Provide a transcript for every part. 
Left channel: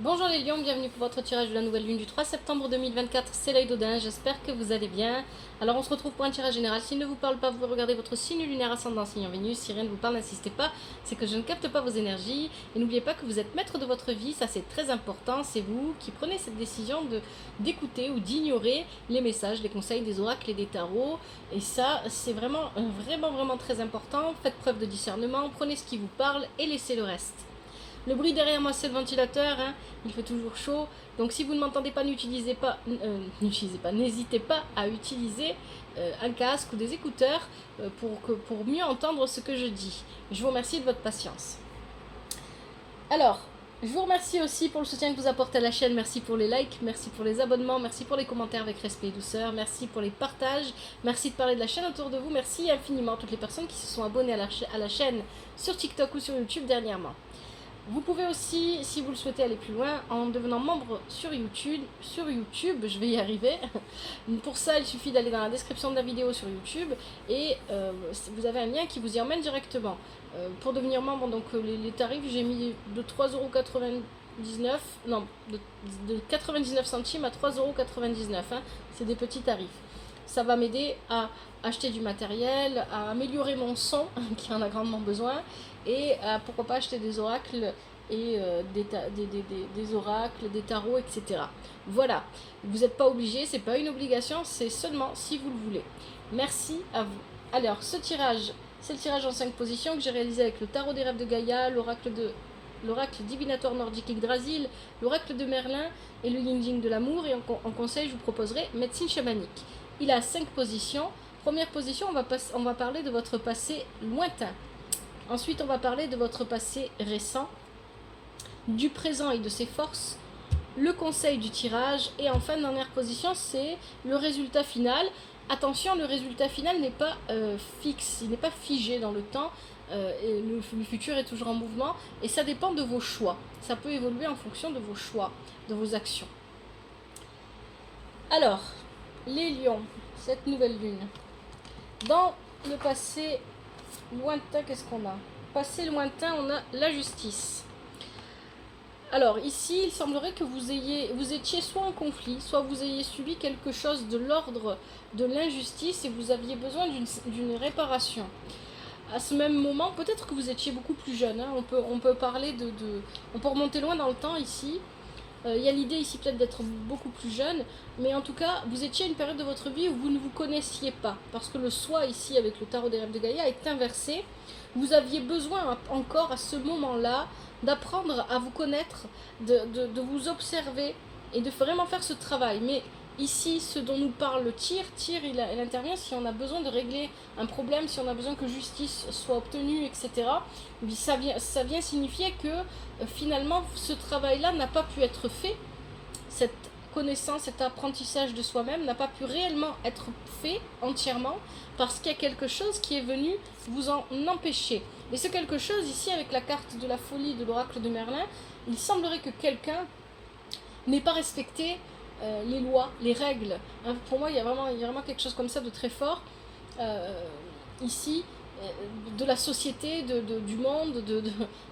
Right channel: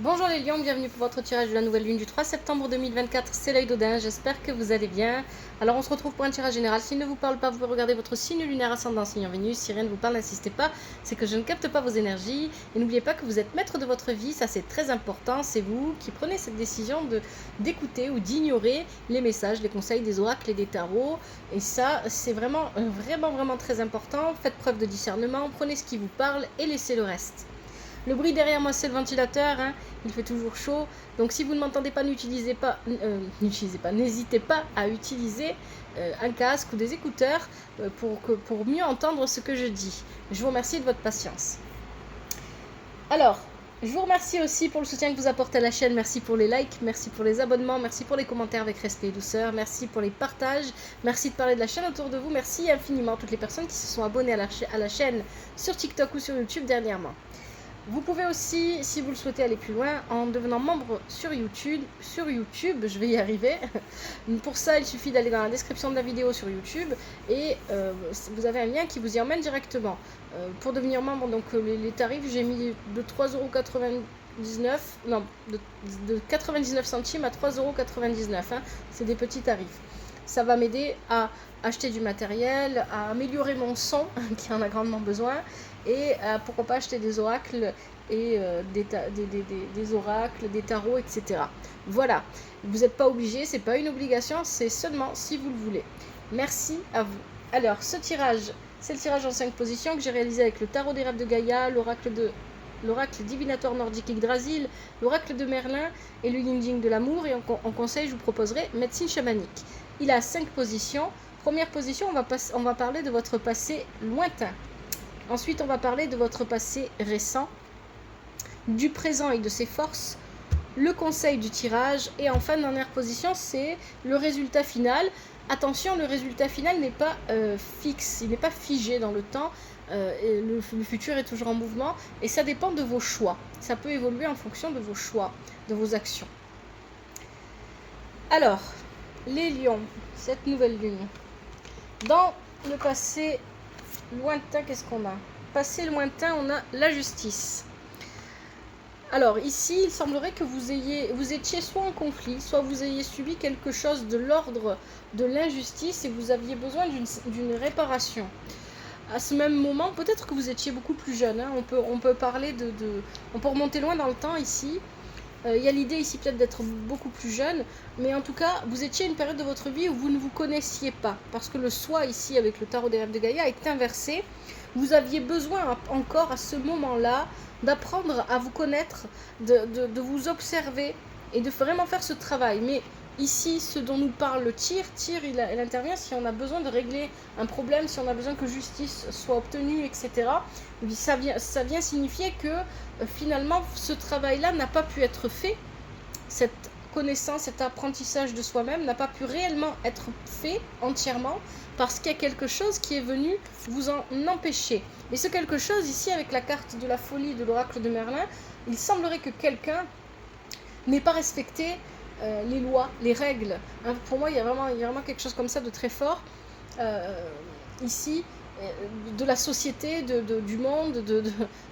Bonjour les lions, bienvenue pour votre tirage de la nouvelle lune du 3 septembre 2024, c'est l'œil d'Odin, j'espère que vous allez bien. Alors on se retrouve pour un tirage général, s'il ne vous parle pas, vous regardez votre signe lunaire ascendant, signe en Vénus, si rien ne vous parle, n'insistez pas, c'est que je ne capte pas vos énergies. Et n'oubliez pas que vous êtes maître de votre vie, ça c'est très important, c'est vous qui prenez cette décision d'écouter ou d'ignorer les messages, les conseils des oracles et des tarots. Et ça c'est vraiment très important, faites preuve de discernement, prenez ce qui vous parle et laissez le reste. Le bruit derrière moi, c'est le ventilateur, hein, il fait toujours chaud. Donc si vous ne m'entendez pas, n'hésitez pas à utiliser un casque ou des écouteurs pour mieux entendre ce que je dis. Je vous remercie de votre patience. Alors, je vous remercie aussi pour le soutien que vous apportez à la chaîne. Merci pour les likes, merci pour les abonnements, merci pour les commentaires avec respect et douceur, merci pour les partages, merci de parler de la chaîne autour de vous. Merci infiniment à toutes les personnes qui se sont abonnées à la chaîne sur TikTok ou sur YouTube dernièrement. Vous pouvez aussi, si vous le souhaitez, aller plus loin en devenant membre sur YouTube, je vais y arriver. Pour ça, il suffit d'aller dans la description de la vidéo sur YouTube et vous avez un lien qui vous y emmène directement. Pour devenir membre, donc les tarifs, j'ai mis de 3,99€, non, de 99 centimes à 3,99€, hein, c'est des petits tarifs. Ça va m'aider à acheter du matériel, à améliorer mon son, qui en a grandement besoin, et pourquoi pas acheter des oracles et des oracles, des tarots, etc. Voilà, vous n'êtes pas obligé, c'est pas une obligation, c'est seulement si vous le voulez. Merci à vous. Alors, ce tirage, c'est le tirage en 5 positions que j'ai réalisé avec le tarot des rêves de Gaïa, l'oracle divinatoire nordique Yggdrasil, l'oracle de Merlin et le yin yin de l'amour. Et en conseil, je vous proposerai médecine chamanique. Il a 5 positions. Première position, on va parler de votre passé lointain. Ensuite, on va parler de votre passé récent, du présent et de ses forces, le conseil du tirage, et enfin, dernière position, c'est le résultat final. Attention, le résultat final n'est pas fixe, il n'est pas figé dans le temps, et le futur est toujours en mouvement, et ça dépend de vos choix. Ça peut évoluer en fonction de vos choix, de vos actions. Alors, les lions, cette nouvelle lune. Dans le passé lointain, qu'est-ce qu'on a? Passé lointain, on a la justice. Alors ici, il semblerait que vous étiez soit en conflit, soit vous ayez subi quelque chose de l'ordre de l'injustice et vous aviez besoin d'une réparation. À ce même moment, peut-être que vous étiez beaucoup plus jeune, hein, on peut parler on peut remonter loin dans le temps ici. Il y a l'idée ici peut-être d'être beaucoup plus jeune, mais en tout cas, vous étiez à une période de votre vie où vous ne vous connaissiez pas, parce que le soi ici, avec le tarot des rêves de Gaïa, est inversé. Vous aviez besoin encore à ce moment-là d'apprendre à vous connaître, de vous observer et de vraiment faire ce travail. Mais ici, ce dont nous parle le tir, il intervient si on a besoin de régler un problème, si on a besoin que justice soit obtenue, etc. Ça vient signifier que finalement, ce travail-là n'a pas pu être fait. Cette connaissance, cet apprentissage de soi-même n'a pas pu réellement être fait entièrement parce qu'il y a quelque chose qui est venu vous en empêcher. Et ce quelque chose ici, avec la carte de la folie de l'oracle de Merlin, il semblerait que quelqu'un n'ait pas respecté les lois, les règles. Hein, pour moi, il y a vraiment quelque chose comme ça de très fort ici, de la société, du monde,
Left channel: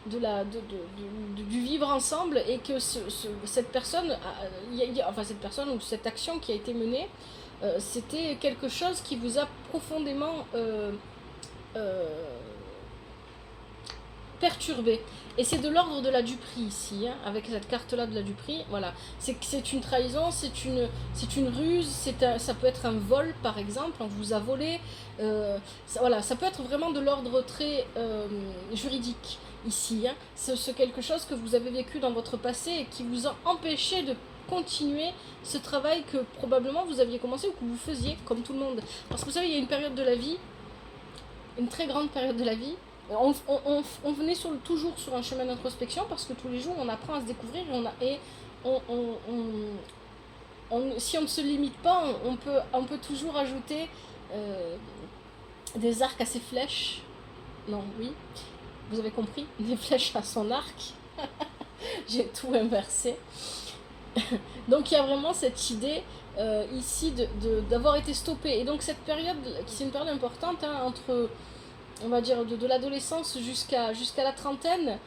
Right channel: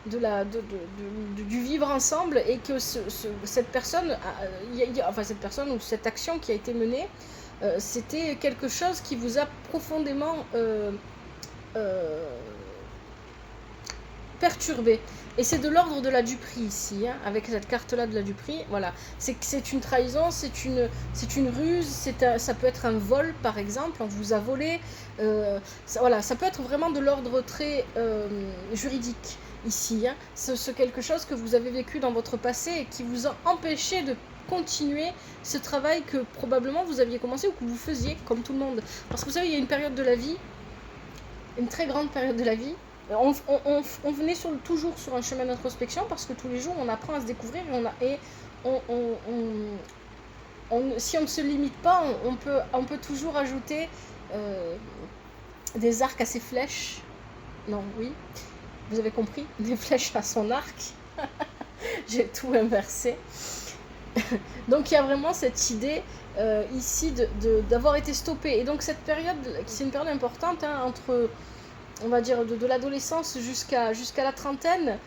du vivre ensemble, et que cette personne, cette personne ou cette action qui a été menée, c'était quelque chose qui vous a profondément perturbé. Et c'est de l'ordre de la duperie ici, hein, avec cette carte-là de la duperie. Voilà, c'est une trahison, c'est une ruse, ça peut être un vol par exemple, on vous a volé. Voilà, ça peut être vraiment de l'ordre très juridique ici. Hein. C'est quelque chose que vous avez vécu dans votre passé et qui vous a empêché de continuer ce travail que probablement vous aviez commencé ou que vous faisiez comme tout le monde. Parce que vous savez, il y a une période de la vie, une très grande période de la vie. On venait toujours sur un chemin d'introspection parce que tous les jours on apprend à se découvrir si on ne se limite pas, on peut toujours ajouter des arcs à ses flèches. Non, oui, vous avez compris, des flèches à son arc. J'ai tout inversé. Donc il y a vraiment cette idée ici d'avoir été stoppé. Et donc cette période, c'est une période importante, hein, entre on va dire, de l'adolescence jusqu'à la trentaine,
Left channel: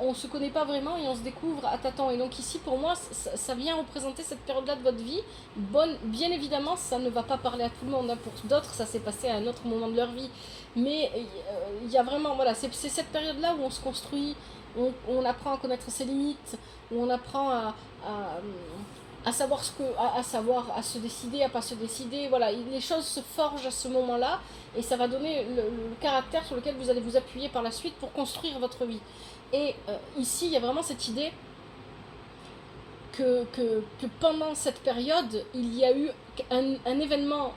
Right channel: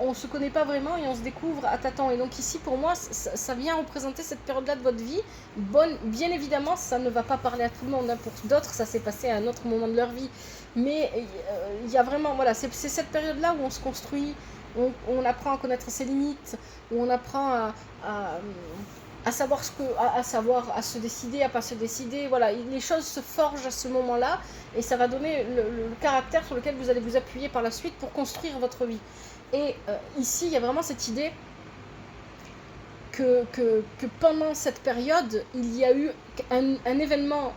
on ne se connaît pas vraiment et on se découvre à tâtons. Et donc ici, pour moi, ça vient représenter cette période-là de votre vie. Bien évidemment, ça ne va pas parler à tout le monde, hein. Pour d'autres, ça s'est passé à un autre moment de leur vie. Mais il y a vraiment, voilà, c'est cette période-là où on se construit, on apprend à connaître ses limites, où on apprend à savoir à se décider, à pas se décider. Voilà, les choses se forgent à ce moment-là et ça va donner le caractère sur lequel vous allez vous appuyer par la suite pour construire votre vie. Et ici, il y a vraiment cette idée que pendant cette période, il y a eu un événement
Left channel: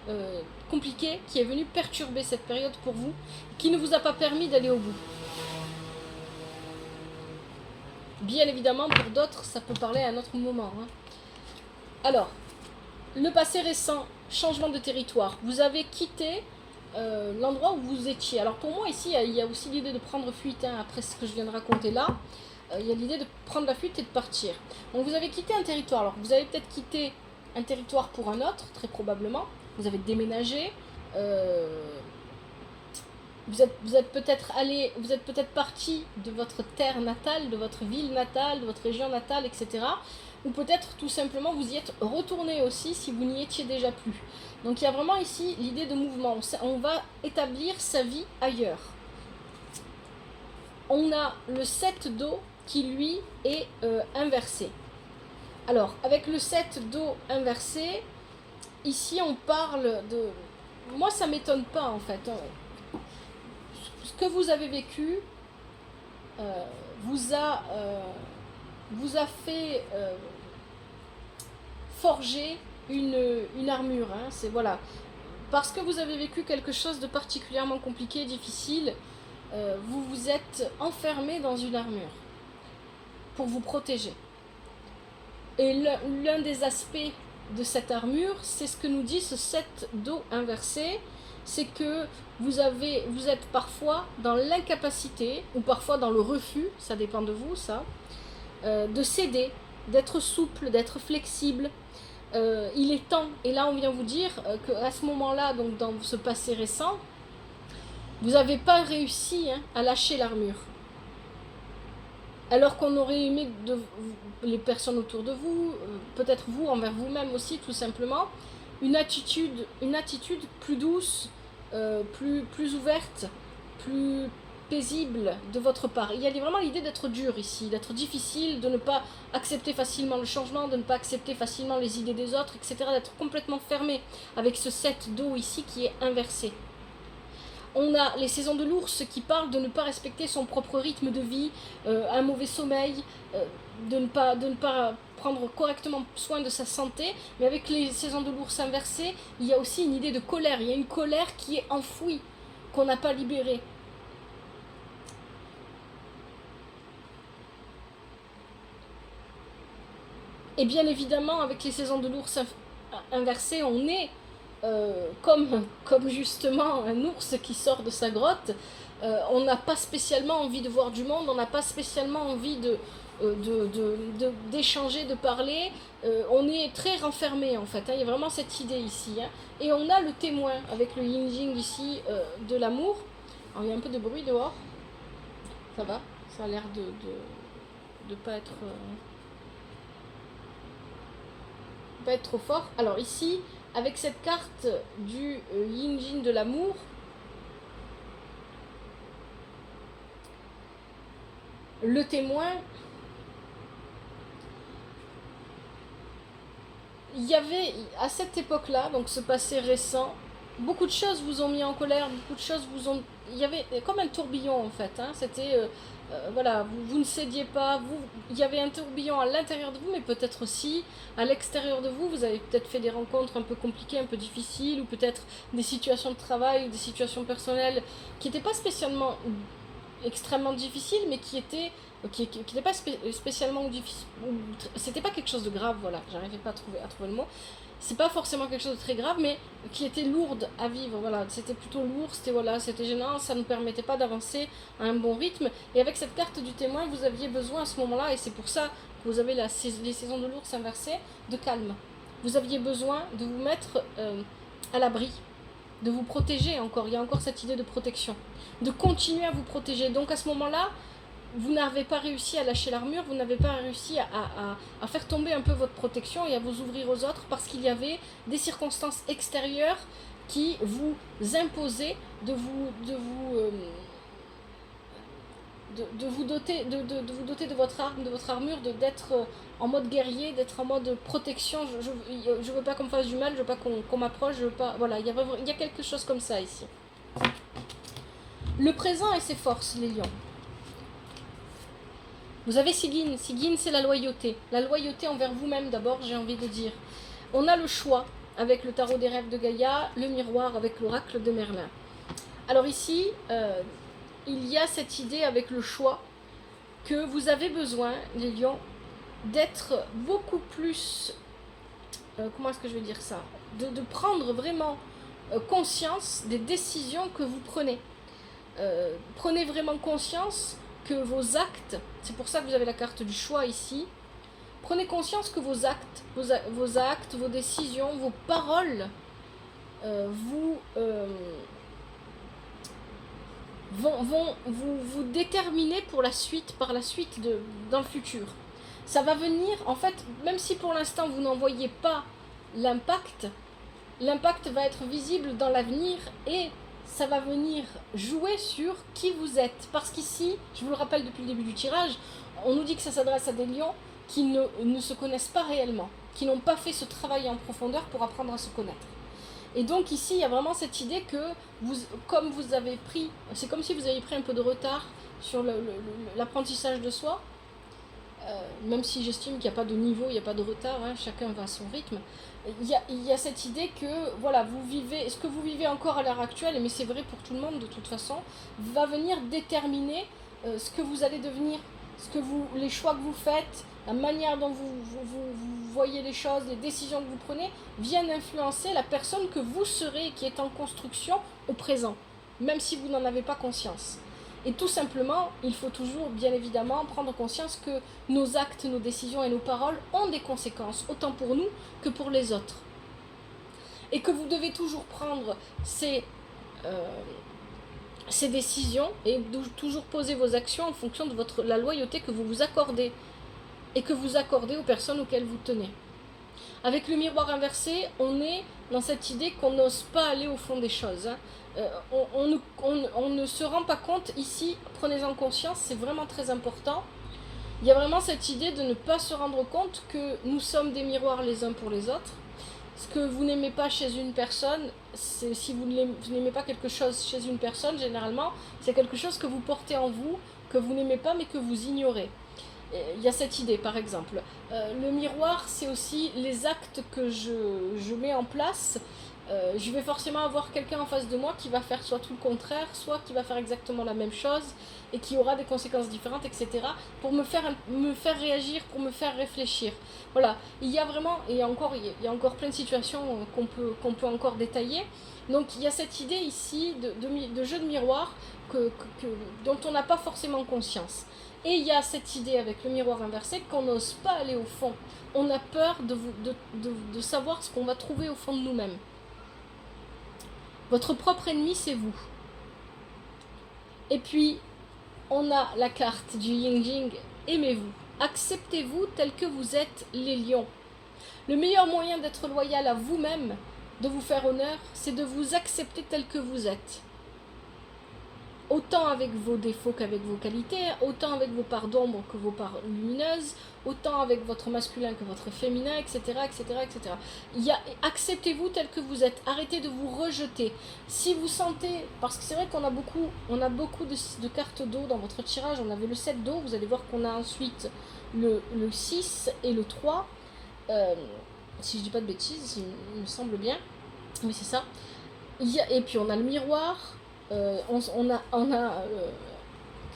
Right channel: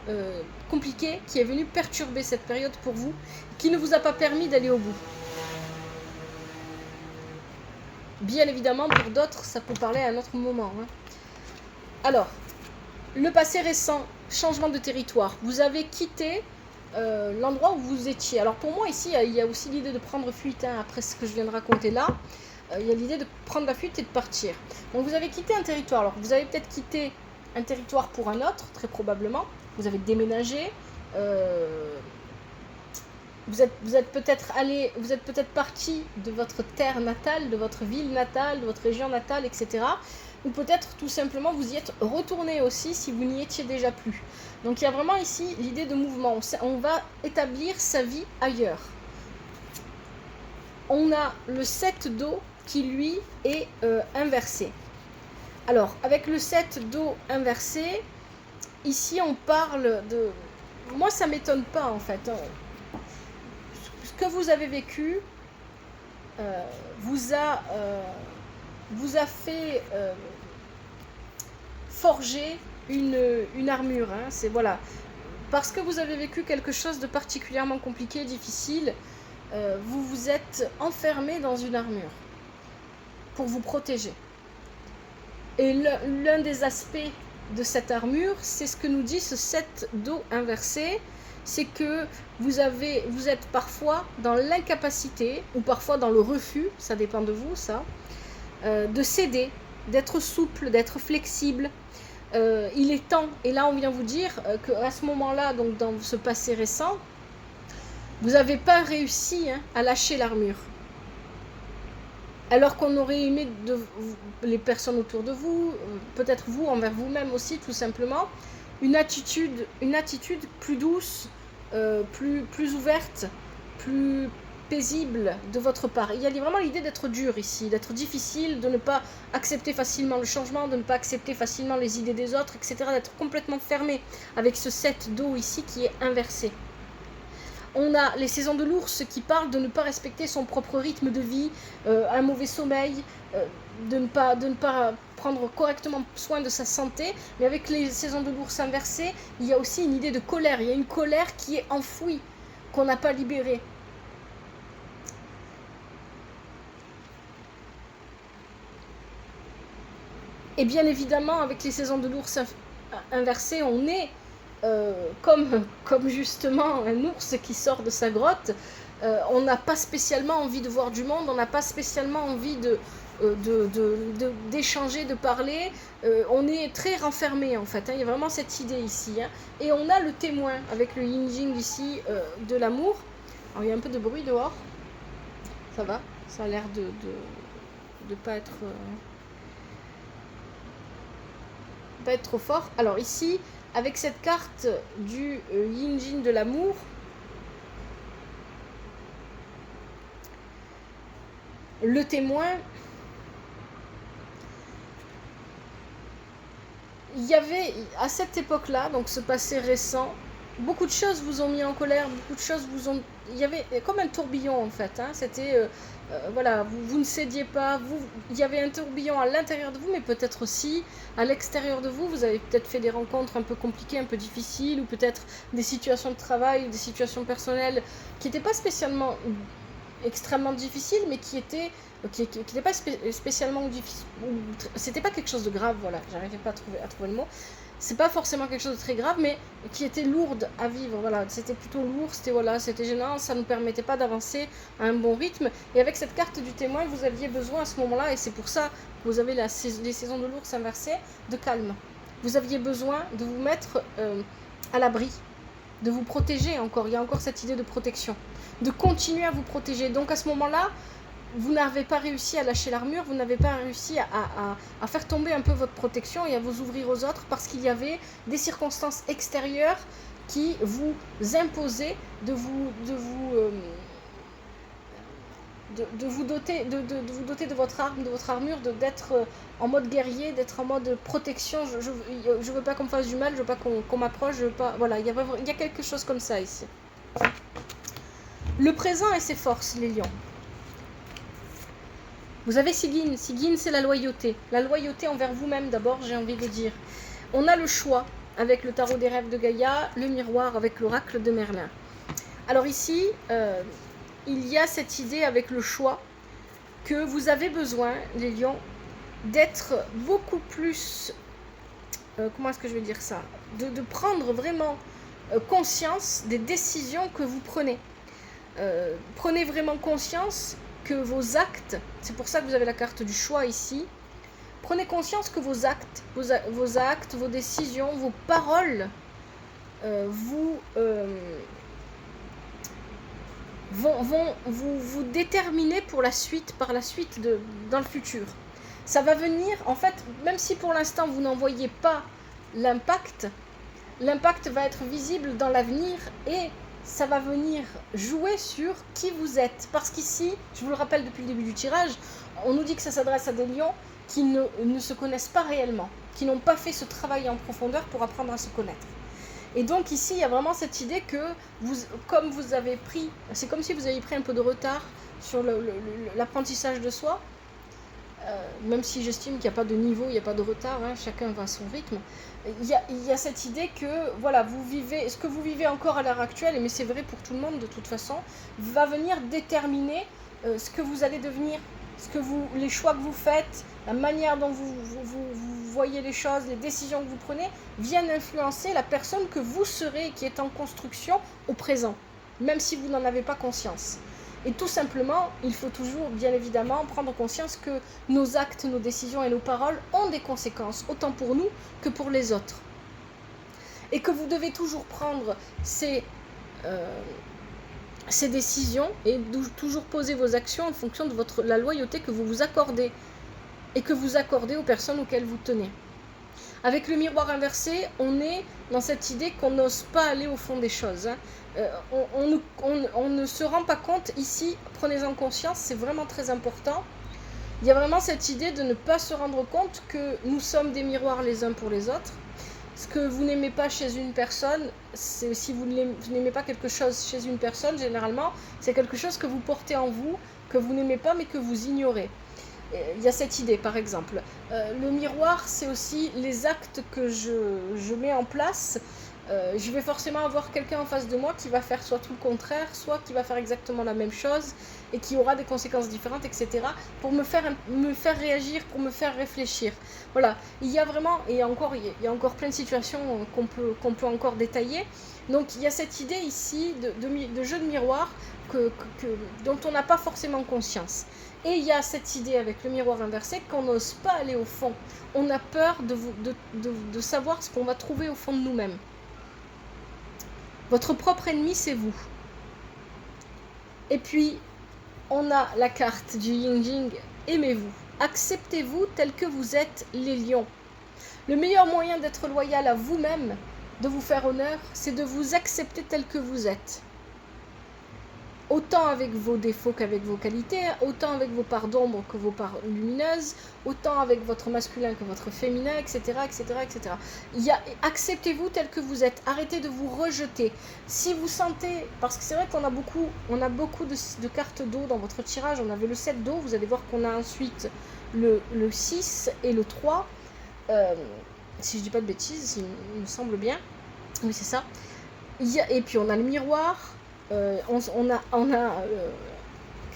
compliqué qui est venu perturber cette période pour vous, qui ne vous a pas permis d'aller au bout. Bien évidemment, pour d'autres, ça peut parler à un autre moment, hein. Alors, le passé récent, changement de territoire. Vous avez quitté l'endroit où vous étiez. Alors pour moi, ici, il y a aussi l'idée de prendre fuite, hein, après ce que je viens de raconter là. Il y a l'idée de prendre la fuite et de partir. Donc vous avez quitté un territoire. Alors vous avez peut-être quitté un territoire pour un autre, très probablement. Vous avez déménagé. Vous êtes peut-être parti de votre terre natale, de votre ville natale, de votre région natale, etc. Ou peut-être tout simplement vous y êtes retourné aussi si vous n'y étiez déjà plus. Donc il y a vraiment ici l'idée de mouvement. On va établir sa vie ailleurs. On a le 7 d'eau qui lui est inversé. Alors avec le 7 d'eau inversé, ici on parle de... Moi ça m'étonne pas en fait. Ce que vous avez vécu vous a fait forger une armure, hein. C'est voilà, parce que vous avez vécu quelque chose de particulièrement compliqué, difficile, vous vous êtes enfermé dans une armure pour vous protéger. Et l'un des aspects de cette armure, c'est ce que nous dit ce 7 d'eau inversé, c'est que vous êtes parfois dans l'incapacité ou parfois dans le refus, ça dépend de vous, ça, de céder, d'être souple, d'être flexible. Il est temps, et là on vient vous dire qu'à ce moment-là, donc dans ce passé récent, vous n'avez pas réussi, hein, à lâcher l'armure. Alors qu'on aurait aimé les personnes autour de vous, peut-être vous envers vous-même aussi, tout simplement, une attitude plus douce, plus ouverte, plus paisible de votre part. Il y a vraiment l'idée d'être dur ici, d'être difficile, de ne pas accepter facilement le changement, de ne pas accepter facilement les idées des autres, etc. D'être complètement fermé avec ce 7 d'eau ici qui est inversé. On a les saisons de l'ours qui parlent de ne pas respecter son propre rythme de vie, un mauvais sommeil, de ne pas prendre correctement soin de sa santé. Mais avec les saisons de l'ours inversées, il y a aussi une idée de colère. Il y a une colère qui est enfouie, qu'on n'a pas libérée. Et bien évidemment, avec les saisons de l'ours inversées, on est comme justement un ours qui sort de sa grotte. On n'a pas spécialement envie de voir du monde, on n'a pas spécialement envie d'échanger, de parler. On est très renfermé en fait, hein. Il y a vraiment cette idée ici, hein. Et on a le témoin avec le yin-jing ici de l'amour. Alors il y a un peu de bruit dehors. Ça va, ça a l'air de pas être trop fort. Alors ici, avec cette carte du yin-jing de l'amour, le témoin, il y avait à cette époque-là, donc ce passé récent, beaucoup de choses vous ont mis en colère, beaucoup de choses vous ont... Il y avait comme un tourbillon en fait, hein. C'était... voilà, vous ne cédiez pas, il y avait un tourbillon à l'intérieur de vous, mais peut-être aussi à l'extérieur de vous. Vous avez peut-être fait des rencontres un peu compliquées, un peu difficiles, ou peut-être des situations de travail ou des situations personnelles qui n'étaient pas spécialement extrêmement difficiles, mais qui n'étaient pas spécialement difficiles. C'était pas quelque chose de grave, voilà, j'arrivais pas à trouver le mot. C'est pas forcément quelque chose de très grave, mais qui était lourde à vivre. Voilà, c'était plutôt lourd, c'était gênant, ça ne permettait pas d'avancer à un bon rythme. Et avec cette carte du témoin, vous aviez besoin à ce moment-là, et c'est pour ça que vous avez les saisons de l'ours inversées, de calme. Vous aviez besoin de vous mettre à l'abri, de vous protéger encore. Il y a encore cette idée de protection. de continuer à vous protéger. Donc à ce moment-là, vous n'avez pas réussi à lâcher l'armure, vous n'avez pas réussi à faire tomber un peu votre protection et à vous ouvrir aux autres parce qu'il y avait des circonstances extérieures qui vous imposaient de vous doter de votre arme, de votre armure, d'être en mode guerrier, d'être en mode protection. Je veux pas qu'on me fasse du mal, je veux pas qu'on m'approche, je veux pas. Voilà, il y a quelque chose comme ça ici. Le présent et ses forces, les lions. Vous avez Sigyn. Sigyn, c'est la loyauté. La loyauté envers vous-même, d'abord, j'ai envie de dire. On a le choix avec le tarot des rêves de Gaïa, le miroir avec l'oracle de Merlin. Alors ici, il y a cette idée avec le choix que vous avez besoin, les lions, d'être beaucoup plus... comment est-ce que je vais dire ça, de prendre vraiment conscience des décisions que vous prenez. Prenez vraiment conscience que vos actes, c'est pour ça que vous avez la carte du choix ici, prenez conscience que vos actes, vos décisions, vos paroles vont vous déterminer pour la suite, par la suite dans le futur. Ça va venir, en fait, même si pour l'instant vous n'en voyez pas l'impact va être visible dans l'avenir et ça va venir jouer sur qui vous êtes. Parce qu'ici, je vous le rappelle depuis le début du tirage, on nous dit que ça s'adresse à des lions qui ne se connaissent pas réellement, qui n'ont pas fait ce travail en profondeur pour apprendre à se connaître. Et donc ici, il y a vraiment cette idée que comme vous avez pris, c'est comme si vous aviez pris un peu de retard sur l'apprentissage de soi, même si j'estime qu'il n'y a pas de niveau, il n'y a pas de retard, hein, chacun va à son rythme. Il y a cette idée que voilà, vous vivez, ce que vous vivez encore à l'heure actuelle, mais c'est vrai pour tout le monde de toute façon, va venir déterminer ce que vous allez devenir, les choix que vous faites, la manière dont vous voyez les choses, les décisions que vous prenez, viennent influencer la personne que vous serez, qui est en construction au présent, même si vous n'en avez pas conscience. Et tout simplement, il faut toujours, bien évidemment, prendre conscience que nos actes, nos décisions et nos paroles ont des conséquences, autant pour nous que pour les autres. Et que vous devez toujours prendre ces décisions et toujours poser vos actions en fonction de la loyauté que vous vous accordez et que vous accordez aux personnes auxquelles vous tenez. Avec le miroir inversé, on est dans cette idée qu'on n'ose pas aller au fond des choses. On ne se rend pas compte ici, prenez-en conscience, c'est vraiment très important. Il y a vraiment cette idée de ne pas se rendre compte que nous sommes des miroirs les uns pour les autres. Ce que vous n'aimez pas chez une personne, si vous n'aimez pas quelque chose chez une personne, généralement, c'est quelque chose que vous portez en vous, que vous n'aimez pas mais que vous ignorez. Il y a cette idée, par exemple. Le miroir, c'est aussi les actes que je mets en place. Je vais forcément avoir quelqu'un en face de moi qui va faire soit tout le contraire, soit qui va faire exactement la même chose et qui aura des conséquences différentes, etc. pour me faire réagir, pour me faire réfléchir. Voilà, il y a vraiment, et il y a encore plein de situations qu'on peut encore détailler. Donc il y a cette idée ici de jeu de miroir dont on n'a pas forcément conscience. Et il y a cette idée avec le miroir inversé qu'on n'ose pas aller au fond. On a peur de savoir ce qu'on va trouver au fond de nous-mêmes. Votre propre ennemi, c'est vous. Et puis, on a la carte du Yin Jing, aimez-vous. Acceptez-vous tel que vous êtes, les lions. Le meilleur moyen d'être loyal à vous-même, de vous faire honneur, c'est de vous accepter tel que vous êtes. Autant avec vos défauts qu'avec vos qualités, autant avec vos parts d'ombre que vos parts lumineuses, autant avec votre masculin que votre féminin, etc. etc., etc. Acceptez-vous tel que vous êtes, arrêtez de vous rejeter. Si vous sentez, parce que c'est vrai qu'on a beaucoup de cartes d'eau dans votre tirage, on avait le 7 d'eau, vous allez voir qu'on a ensuite le 6 et le 3, si je dis pas de bêtises, il me semble bien, oui c'est ça. Et puis on a le miroir. Qu'est-ce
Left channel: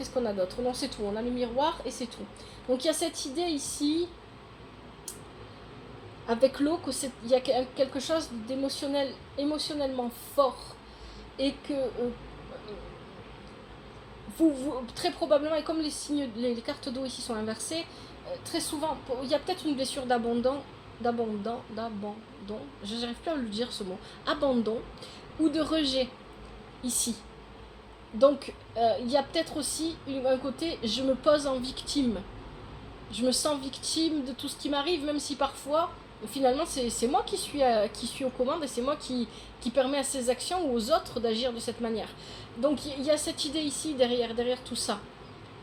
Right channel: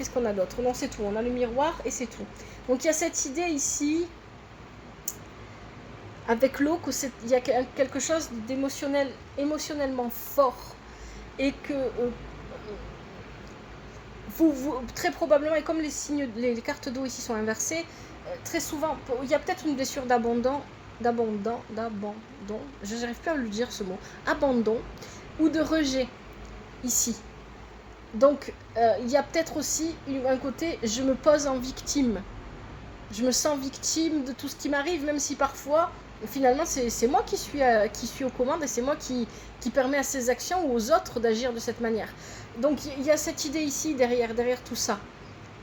qu'on a d'autre? Non, c'est tout. On a le miroir et c'est tout. Donc il y a cette idée ici, avec l'eau, qu'il y a quelque chose émotionnellement fort et que vous, très probablement, et comme les cartes d'eau ici sont inversées, très souvent, il y a peut-être une blessure d'abandon, je n'arrive plus à le dire ce mot, abandon ou de rejet. Ici. Donc, il y a peut-être aussi un côté, je me pose en victime. Je me sens victime de tout ce qui m'arrive, même si parfois, finalement, c'est moi qui suis aux commandes et c'est moi qui permet à ces actions ou aux autres d'agir de cette manière. Donc, il y a cette idée ici derrière tout ça,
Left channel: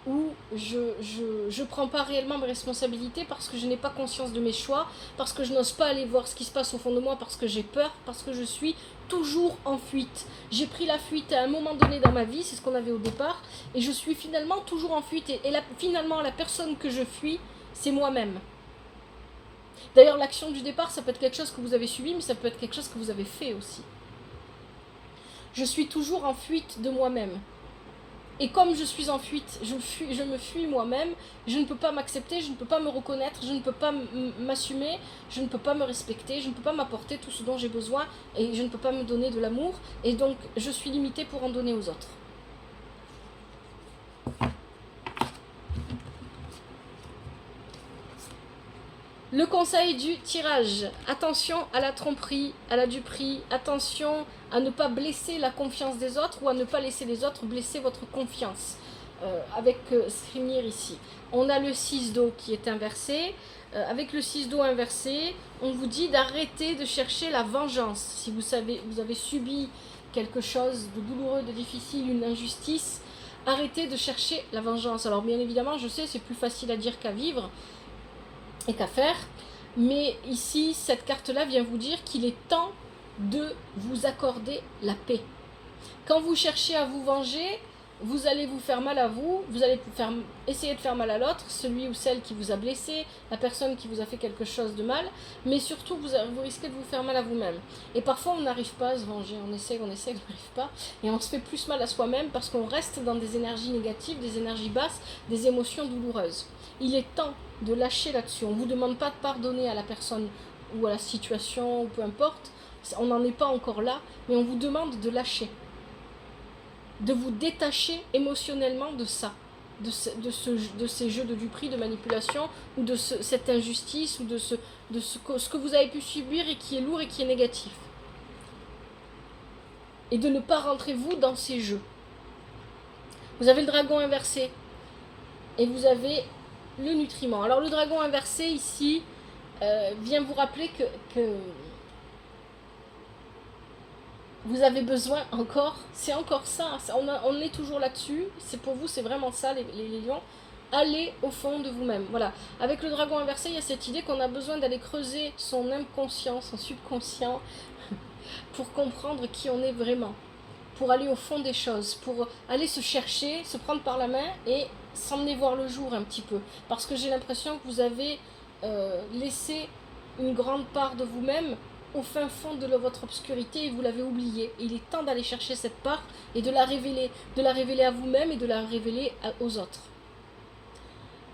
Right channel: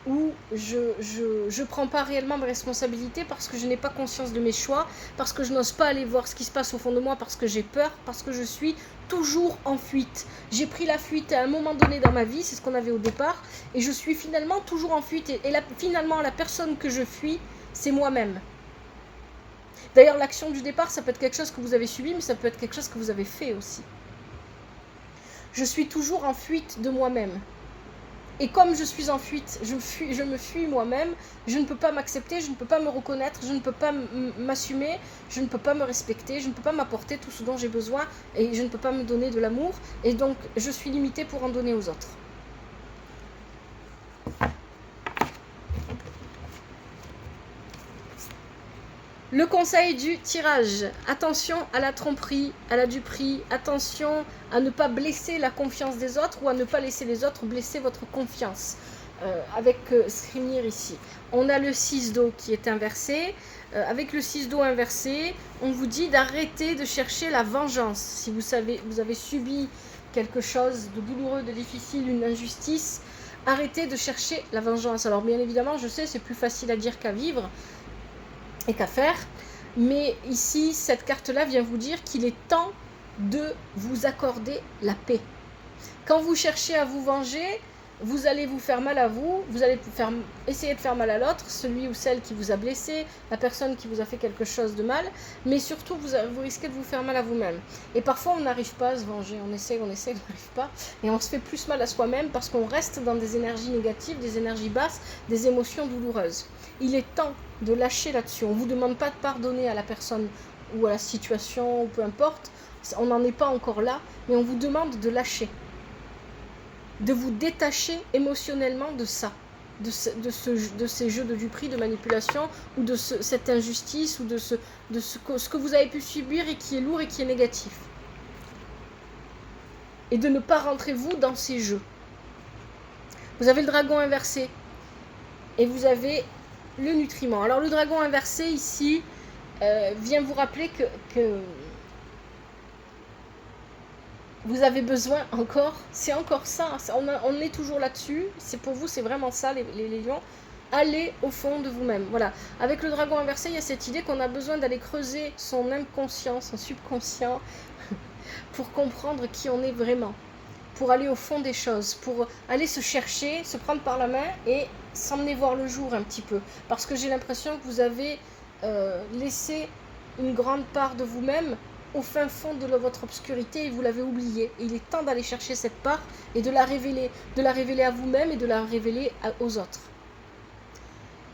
où je prends pas réellement mes responsabilités parce que je n'ai pas conscience de mes choix, parce que je n'ose pas aller voir ce qui se passe au fond de moi, parce que j'ai peur, parce que je suis toujours en fuite. J'ai pris la fuite à un moment donné dans ma vie, c'est ce qu'on avait au départ, et je suis finalement toujours en fuite, et finalement la personne que je fuis, c'est moi-même. D'ailleurs, l'action du départ, ça peut être quelque chose que vous avez subi, mais ça peut être quelque chose que vous avez fait aussi. Je suis toujours en fuite de moi-même. Et comme je suis en fuite, je me fuis moi-même, je ne peux pas m'accepter, je ne peux pas me reconnaître, je ne peux pas m'assumer, je ne peux pas me respecter, je ne peux pas m'apporter tout ce dont j'ai besoin et je ne peux pas me donner de l'amour. Et donc, je suis limitée pour en donner aux autres. Le conseil du tirage. Attention à la tromperie, à la duperie. Attention à ne pas blesser la confiance des autres ou à ne pas laisser les autres blesser votre confiance. Avec Srimir ici. On a le 6 d'eau qui est inversé. Avec le 6 d'eau inversé, on vous dit d'arrêter de chercher la vengeance. Si vous avez subi quelque chose de douloureux, de difficile, une injustice, arrêtez de chercher la vengeance. Alors bien évidemment, je sais, c'est plus facile à dire qu'à vivre et qu'à faire, mais ici cette carte là vient vous dire qu'il est temps de vous accorder la paix. Quand vous chercez à vous venger, vous allez vous faire mal à vous, vous allez essayer de faire mal à l'autre, celui ou celle qui vous a blessé, la personne qui vous a fait quelque chose de mal, mais surtout vous risquez de vous faire mal à vous-même. Et parfois on n'arrive pas à se venger, on essaie, on n'arrive pas, et on se fait plus mal à soi-même parce qu'on reste dans des énergies négatives, des énergies basses, des émotions douloureuses. Il est temps de lâcher là-dessus. On ne vous demande pas de pardonner à la personne ou à la situation, ou peu importe, on n'en est pas encore là, mais on vous demande de lâcher. De vous détacher émotionnellement de ça, de ces jeux de duperie, de manipulation, ou de cette injustice, ou de ce que vous avez pu subir et qui est lourd et qui est négatif. Et de ne pas rentrer vous dans ces jeux. Vous avez le dragon inversé, et vous avez le nutriment. Alors le dragon inversé ici vient vous rappeler que vous avez besoin encore, c'est encore ça, on est toujours là-dessus, c'est pour vous, c'est vraiment ça les lions, allez au fond de vous-même. Voilà, avec le dragon inversé, il y a cette idée qu'on a besoin d'aller creuser son inconscient, son subconscient, pour comprendre qui on est vraiment, pour aller au fond des choses, pour aller se chercher, se prendre par la main et s'emmener voir le jour un petit peu. Parce que j'ai l'impression que vous avez laissé une grande part de vous-même au fin fond de votre obscurité et vous l'avez oubliée. Il est temps d'aller chercher cette part et de la révéler à vous-même et de la révéler aux autres.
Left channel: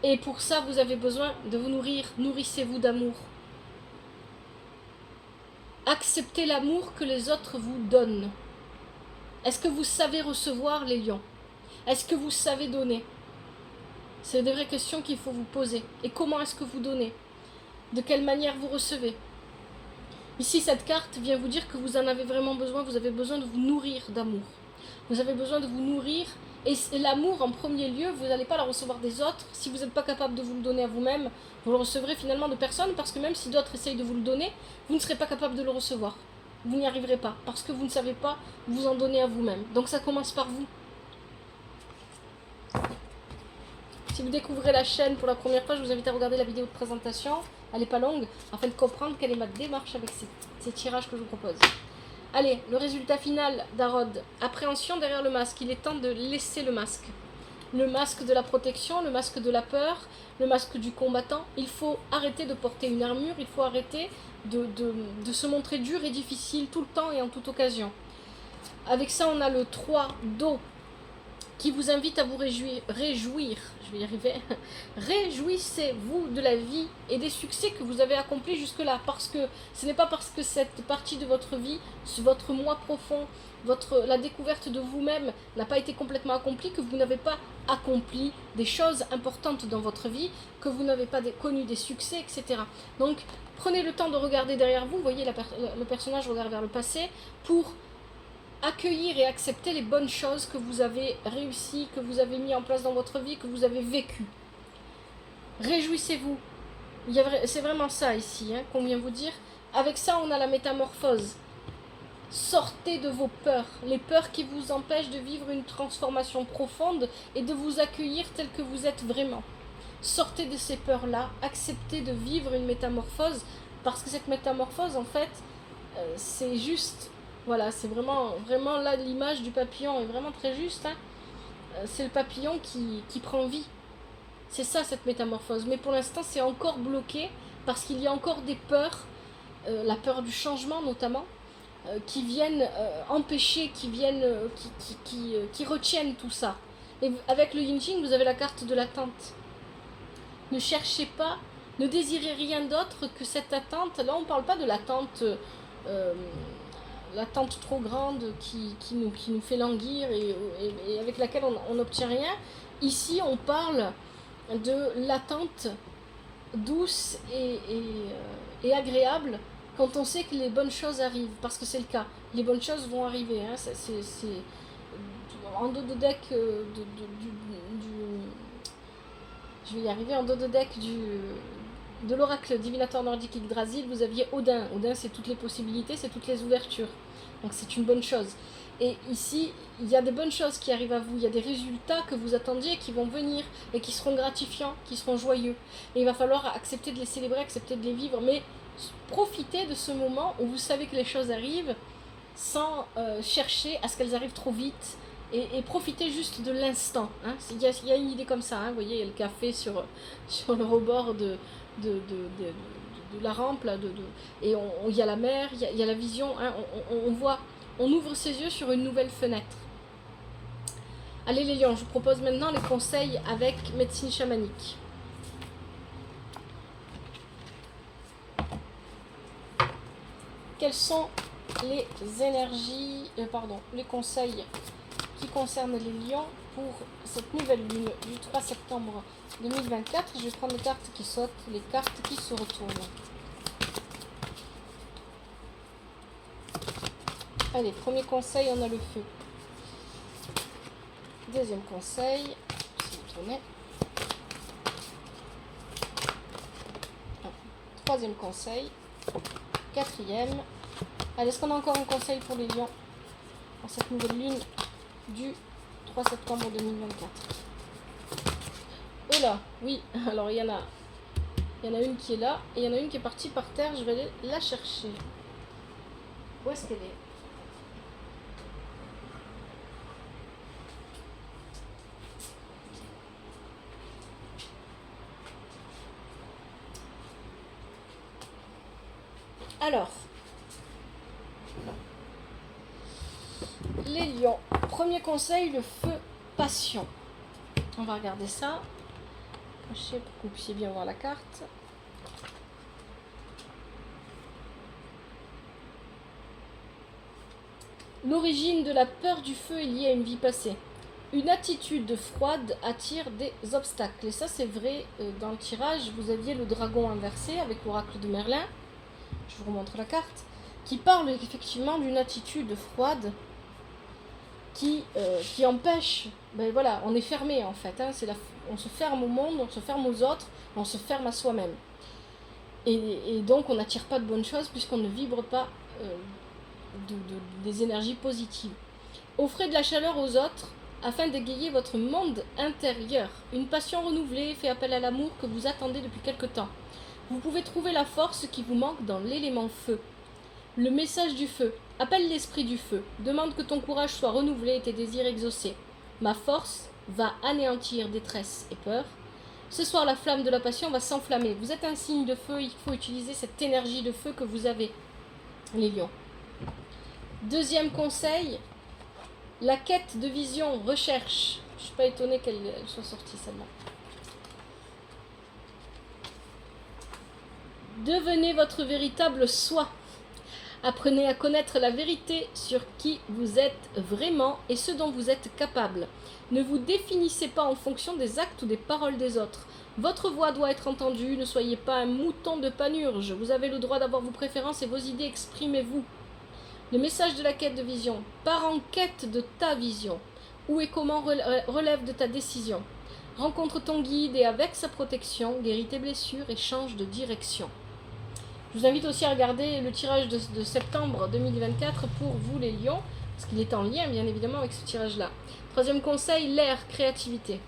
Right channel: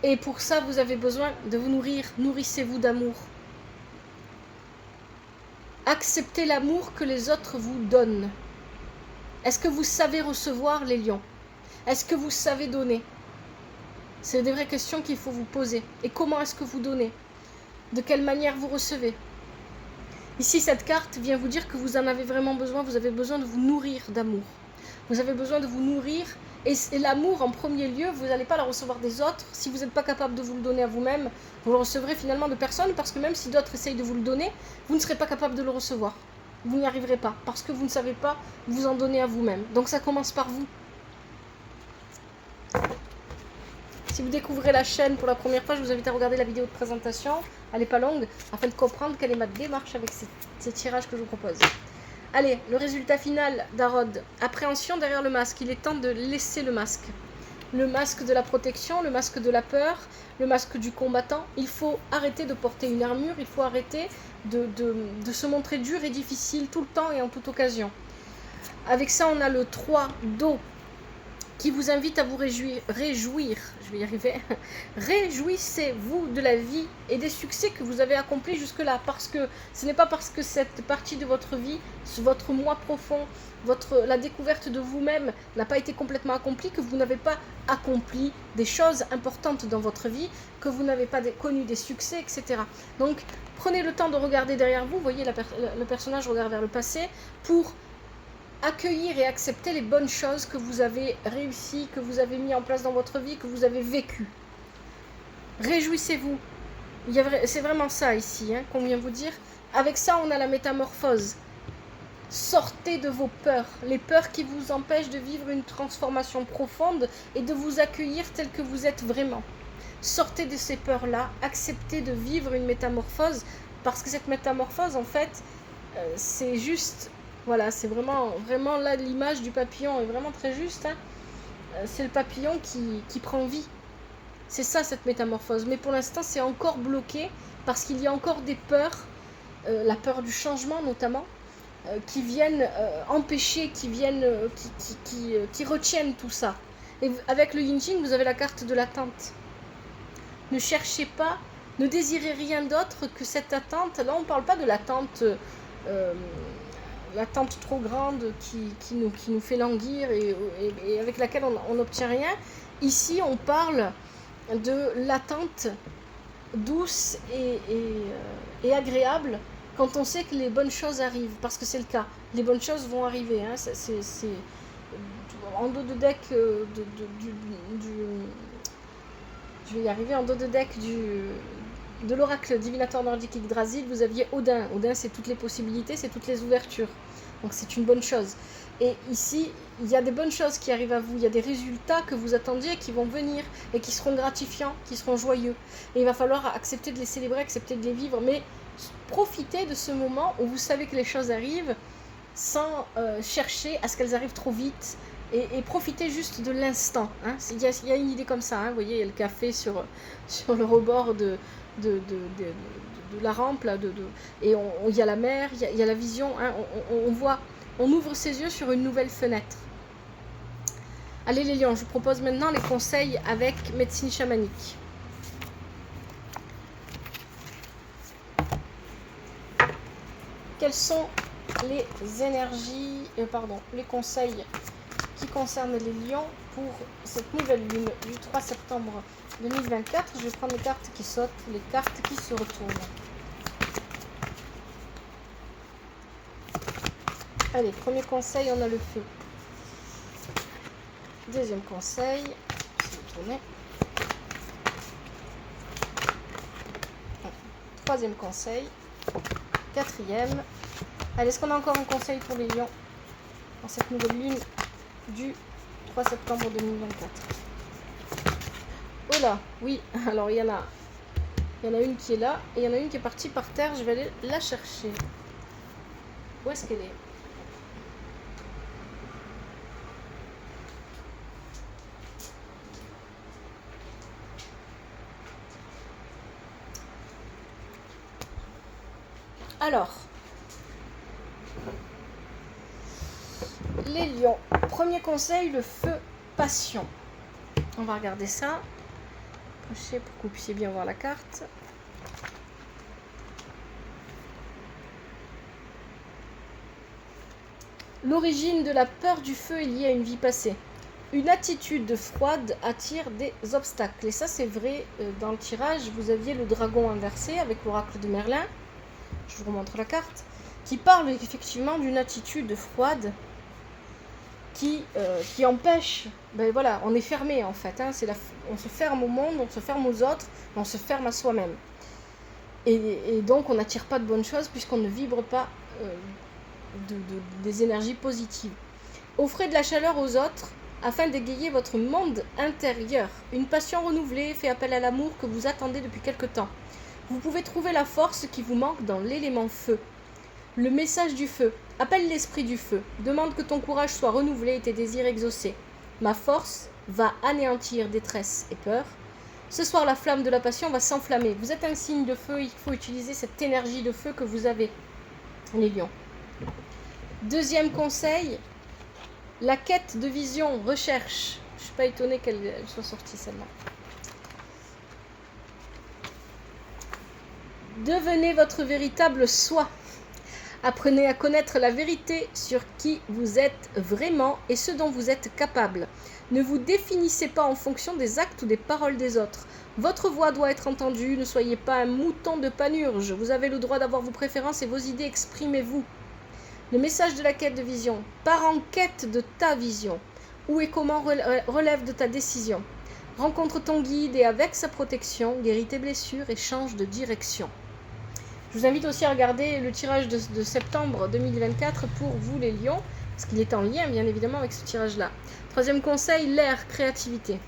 Et pour ça, vous avez besoin de vous nourrir. Nourrissez-vous d'amour. Acceptez l'amour que les autres vous donnent. Est-ce que vous savez recevoir, les lions? Est-ce que vous savez donner? C'est des vraies questions qu'il faut vous poser. Et comment est-ce que vous donnez? De quelle manière vous recevez? Ici, cette carte vient vous dire que vous en avez vraiment besoin. Vous avez besoin de vous nourrir d'amour. Vous avez besoin de vous nourrir. Et l'amour, en premier lieu, vous n'allez pas le recevoir des autres. Si vous n'êtes pas capable de vous le donner à vous-même, vous le recevrez finalement de personne. Parce que même si d'autres essayent de vous le donner, vous ne serez pas capable de le recevoir. Vous n'y arriverez pas. Parce que vous ne savez pas vous en donner à vous-même. Donc ça commence par vous. Si vous découvrez la chaîne pour la première fois, je vous invite à regarder la vidéo de présentation. Elle n'est pas longue, afin de comprendre quelle est ma démarche avec ces tirages que je vous propose. Allez, le résultat final d'Harod. Appréhension derrière le masque. Il est temps de laisser le masque. Le masque de la protection, le masque de la peur, le masque du combattant. Il faut arrêter de porter une armure, il faut arrêter de se montrer dur et difficile tout le temps et en toute occasion. Avec ça, on a le 3 d'eau qui vous invite à vous réjouir, je vais y arriver, réjouissez-vous de la vie et des succès que vous avez accomplis jusque-là, parce que ce n'est pas parce que cette partie de votre vie, votre moi profond, la découverte de vous-même n'a pas été complètement accomplie, que vous n'avez pas accompli des choses importantes dans votre vie, que vous n'avez pas connu des succès, etc. Donc, prenez le temps de regarder derrière vous, voyez le personnage regarde vers le passé, pour accueillir et accepter les bonnes choses que vous avez réussies, que vous avez mis en place dans votre vie, que vous avez vécues. Réjouissez-vous. C'est vraiment ça ici, qu'on vient vous dire. Avec ça, on a la métamorphose. Sortez de vos peurs, les peurs qui vous empêchent de vivre une transformation profonde et de vous accueillir tel que vous êtes vraiment. Sortez de ces peurs-là, acceptez de vivre une métamorphose, parce que cette métamorphose, en fait, c'est juste, voilà, c'est vraiment là, l'image du papillon est vraiment très juste, c'est le papillon qui prend vie. C'est ça, cette métamorphose. Mais pour l'instant, c'est encore bloqué, parce qu'il y a encore des peurs, la peur du changement notamment, qui viennent empêcher, qui retiennent tout ça. Et avec le Yin Qing, vous avez la carte de l'attente. Ne cherchez pas, ne désirez rien d'autre que cette attente. Là, on ne parle pas de l'attente trop grande qui nous fait languir et avec laquelle on n'obtient rien. Ici, on parle de l'attente douce et agréable, quand on sait que les bonnes choses arrivent, parce que c'est le cas, les bonnes choses vont arriver, c'est en dos de deck je vais y arriver, en dos de deck de l'oracle divinateur nordique Yggdrasil, vous aviez Odin. Odin, c'est toutes les possibilités, c'est toutes les ouvertures, donc c'est une bonne chose. Et ici, il y a des bonnes choses qui arrivent à vous, il y a des résultats que vous attendiez qui vont venir et qui seront gratifiants, qui seront joyeux. Et il va falloir accepter de les célébrer, accepter de les vivre, mais profitez de ce moment où vous savez que les choses arrivent sans chercher à ce qu'elles arrivent trop vite et profitez juste de l'instant. Il y a une idée comme ça, vous voyez, il y a le café sur le rebord de la rampe, là, et il y a la mer, il y a la vision, on voit, on ouvre ses yeux sur une nouvelle fenêtre. Allez les lions, je vous propose maintenant les conseils avec médecine chamanique. Quelles sont les énergies, les conseils qui concernent les lions pour cette nouvelle lune du 3 septembre 2024. Je vais prendre les cartes qui sautent, les cartes qui se retournent. Allez, premier conseil, on a le feu. Deuxième conseil, je vais tourner. Troisième conseil. Quatrième. Allez, est-ce qu'on a encore un conseil pour les lions dans cette nouvelle lune du 3 septembre 2024? Oh là, oui, alors il y en a une qui est là et il y en a une qui est partie par terre, je vais aller la chercher. Où est-ce qu'elle est? Alors, les lions. Premier conseil, le feu passion. On va regarder ça. Penchez pour que vous puissiez bien voir la carte. L'origine de la peur du feu est liée à une vie passée. Une attitude froide attire des obstacles. Et ça, c'est vrai, dans le tirage, vous aviez le dragon inversé avec l'oracle de Merlin. Je vous remontre la carte. Qui parle effectivement d'une attitude froide qui empêche, voilà, on est fermé en fait, on se ferme au monde, on se ferme aux autres, on se ferme à soi-même. Et donc on n'attire pas de bonnes choses puisqu'on ne vibre pas des énergies positives. Offrez de la chaleur aux autres afin d'égayer votre monde intérieur. Une passion renouvelée fait appel à l'amour que vous attendez depuis quelque temps. Vous pouvez trouver la force qui vous manque dans l'élément feu. Le message du feu. Appelle l'esprit du feu. Demande que ton courage soit renouvelé et tes désirs exaucés. Ma force va anéantir détresse et peur. Ce soir, la flamme de la passion va s'enflammer. Vous êtes un signe de feu, il faut utiliser cette énergie de feu que vous avez, les lions. Deuxième conseil, la quête de vision, recherche. Je ne suis pas étonnée qu'elle soit sortie celle-là. Devenez votre véritable soi. Apprenez à connaître la vérité sur qui vous êtes vraiment et ce dont vous êtes capable. Ne vous définissez pas en fonction des actes ou des paroles des autres. Votre voix doit être entendue, ne soyez pas un mouton de panurge. Vous avez le droit d'avoir vos préférences et vos idées, exprimez-vous. Le message de la quête de vision. Pars en quête de ta vision. Où et comment relève de ta décision. Rencontre ton guide et avec sa protection, guéris tes blessures et change de direction. Je vous invite aussi à regarder le tirage de septembre 2024 pour vous les lions, parce qu'il est en lien bien évidemment avec ce tirage-là. Troisième conseil, l'air, créativité.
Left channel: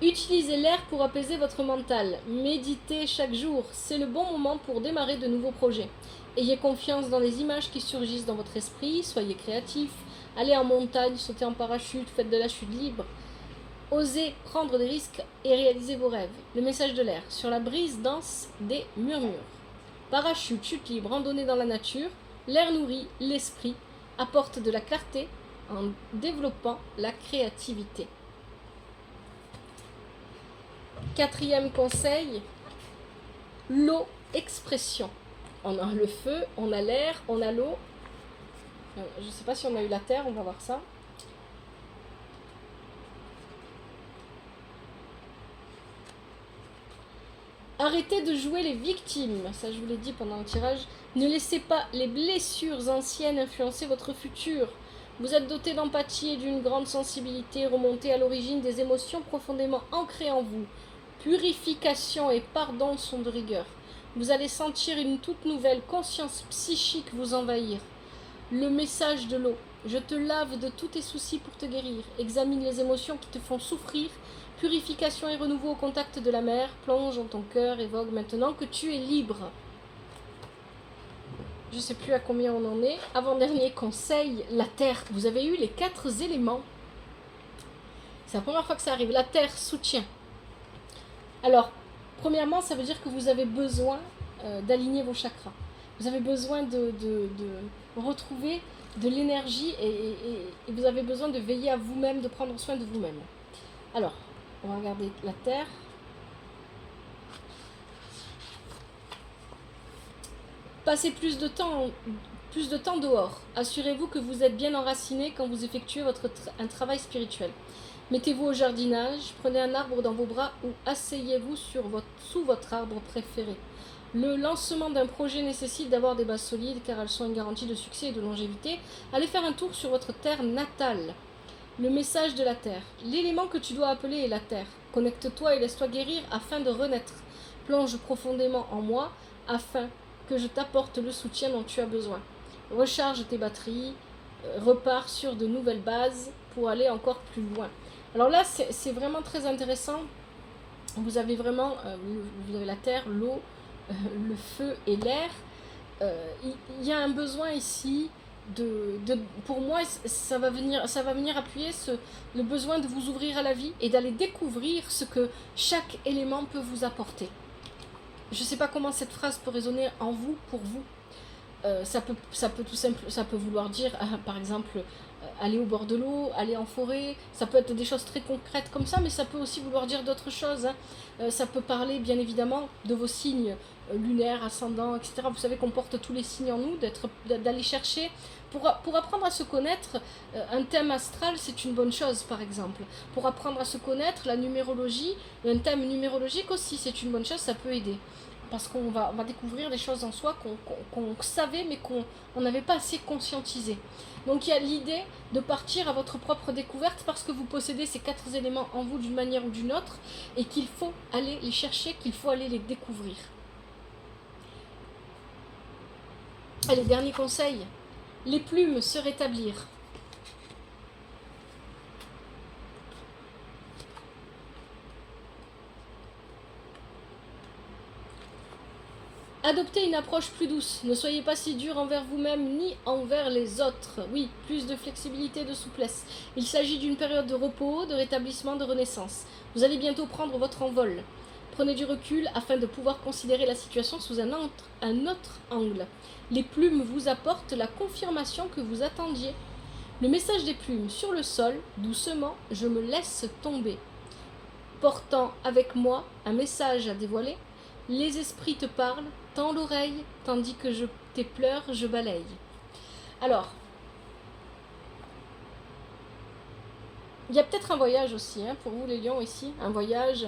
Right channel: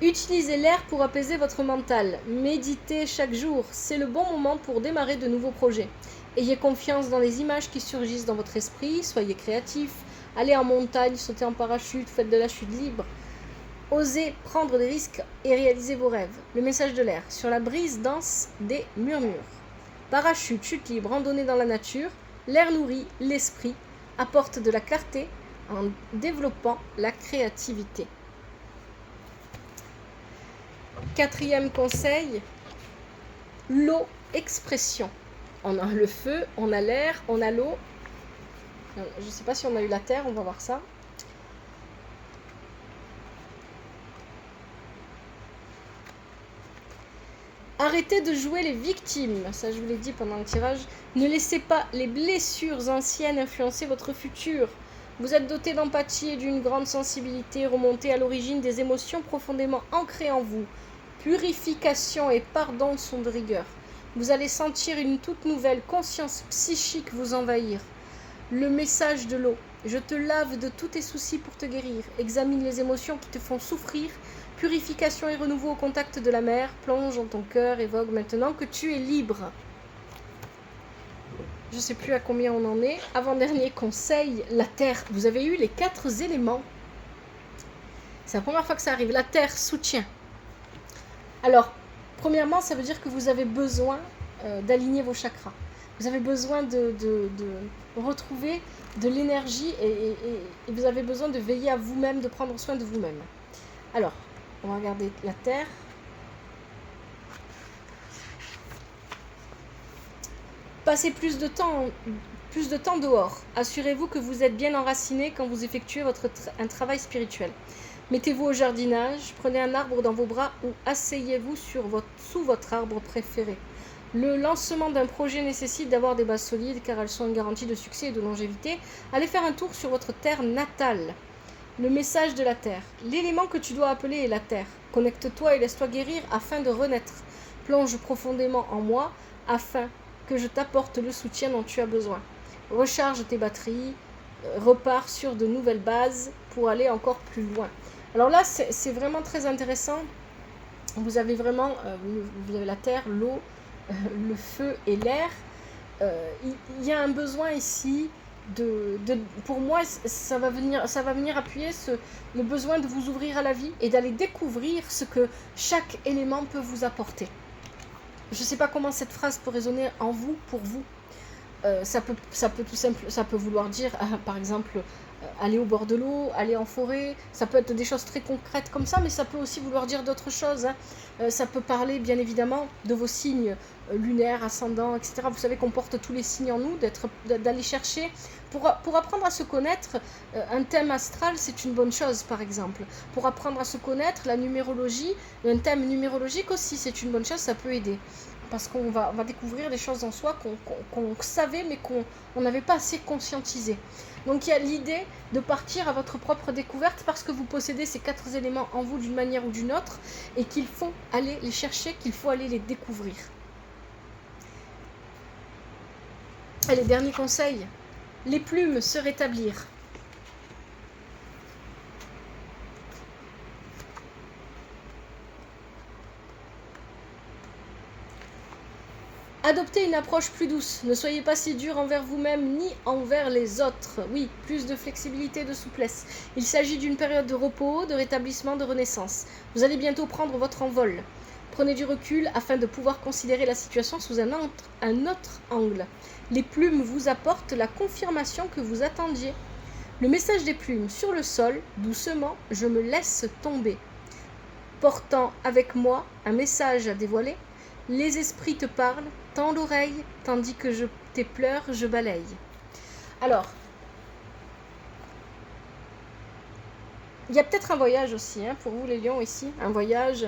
Utilisez l'air pour apaiser votre mental. Méditez chaque jour. C'est le bon moment pour démarrer de nouveaux projets. Ayez confiance dans les images qui surgissent dans votre esprit. Soyez créatif. Allez en montagne, sautez en parachute, faites de la chute libre. Osez prendre des risques et réaliser vos rêves. Le message de l'air. Sur la brise danse des murmures. Parachute, chute libre, randonnée dans la nature. L'air nourrit l'esprit, apporte de la clarté en développant la créativité. Quatrième conseil, l'eau, expression. On a le feu, on a l'air, on a l'eau. Je ne sais pas si on a eu la terre, on va voir ça. Arrêtez de jouer les victimes, ça je vous l'ai dit pendant le tirage. Ne laissez pas les blessures anciennes influencer votre futur. Vous êtes doté d'empathie et d'une grande sensibilité, remontée à l'origine des émotions profondément ancrées en vous. Purification et pardon sont de rigueur. Vous allez sentir une toute nouvelle conscience psychique vous envahir. Le message de l'eau. Je te lave de tous tes soucis pour te guérir. Examine les émotions qui te font souffrir. Purification et renouveau au contact de la mer. Plonge dans ton cœur et vogue maintenant que tu es libre. Je ne sais plus à combien on en est. Avant-dernier conseil, la terre. Vous avez eu les 4 éléments. C'est la première fois que ça arrive. La terre, soutien. Alors, premièrement, ça veut dire que vous avez besoin d'aligner vos chakras. Vous avez besoin de retrouver de l'énergie et vous avez besoin de veiller à vous-même, de prendre soin de vous-même. Alors, on va regarder la terre. Passez plus de temps dehors. Assurez-vous que vous êtes bien enraciné quand vous effectuez un travail spirituel. Mettez-vous au jardinage, prenez un arbre dans vos bras ou asseyez-vous sous votre arbre préféré. Le lancement d'un projet nécessite d'avoir des bases solides car elles sont une garantie de succès et de longévité. Allez faire un tour sur votre terre natale. Le message de la terre. L'élément que tu dois appeler est la terre. Connecte-toi et laisse-toi guérir afin de renaître. Plonge profondément en moi afin que je t'apporte le soutien dont tu as besoin. Recharge tes batteries, repars sur de nouvelles bases pour aller encore plus loin. Alors là, c'est vraiment très intéressant. Vous avez vraiment vous avez la terre, l'eau, le feu et l'air. Il y a un besoin ici pour moi, ça va venir appuyer le besoin de vous ouvrir à la vie et d'aller découvrir ce que chaque élément peut vous apporter. Je ne sais pas comment cette phrase peut résonner en vous, pour vous. Ça peut vouloir dire, par exemple, aller au bord de l'eau, aller en forêt. Ça peut être des choses très concrètes comme ça, mais ça peut aussi vouloir dire d'autres choses. Ça peut parler, bien évidemment, de vos signes lunaires, ascendants, etc. Vous savez qu'on porte tous les signes en nous, d'aller chercher. Pour apprendre à se connaître, un thème astral, c'est une bonne chose, par exemple. Pour apprendre à se connaître, la numérologie, un thème numérologique aussi, c'est une bonne chose, ça peut aider. Parce qu'on va découvrir des choses en soi qu'on savait, mais qu'on n'avait pas assez conscientisé. Donc il y a l'idée de partir à votre propre découverte parce que vous possédez ces 4 éléments en vous d'une manière ou d'une autre et qu'il faut aller les chercher, qu'il faut aller les découvrir. Allez, dernier conseil, les plumes se rétablir. Adoptez une approche plus douce. Ne soyez pas si dur envers vous-même ni envers les autres. Oui, plus de flexibilité, de souplesse. Il s'agit d'une période de repos, de rétablissement, de renaissance. Vous allez bientôt prendre votre envol. Prenez du recul afin de pouvoir considérer la situation sous un autre angle. Les plumes vous apportent la confirmation que vous attendiez. Le message des plumes sur le sol, doucement, je me laisse tomber. Portant avec moi un message à dévoiler, les esprits te parlent, tends l'oreille, tandis que tes pleurs, je balaye. Alors, Il y a peut-être un voyage aussi, hein, pour vous les lions ici. Un voyage,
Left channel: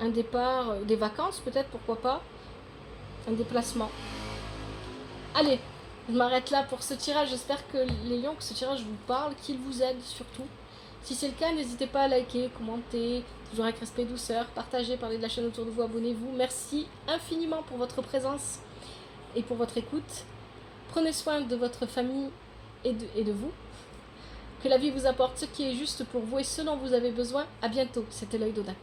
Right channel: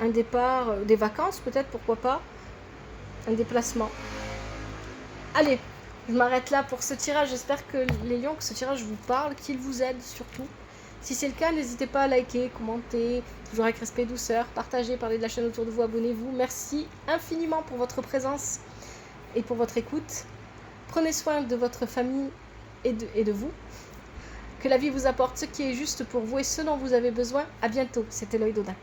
un départ, des vacances peut-être, pourquoi pas. Un déplacement. Allez, je m'arrête là pour ce tirage. J'espère que les lions, que ce tirage vous parle, qu'il vous aide surtout. Si c'est le cas, n'hésitez pas à liker, commenter, toujours avec respect et douceur, partagez, parlez de la chaîne autour de vous, abonnez-vous. Merci infiniment pour votre présence et pour votre écoute. Prenez soin de votre famille et de vous. Que la vie vous apporte ce qui est juste pour vous et ce dont vous avez besoin. À bientôt. C'était l'œil d'Odin.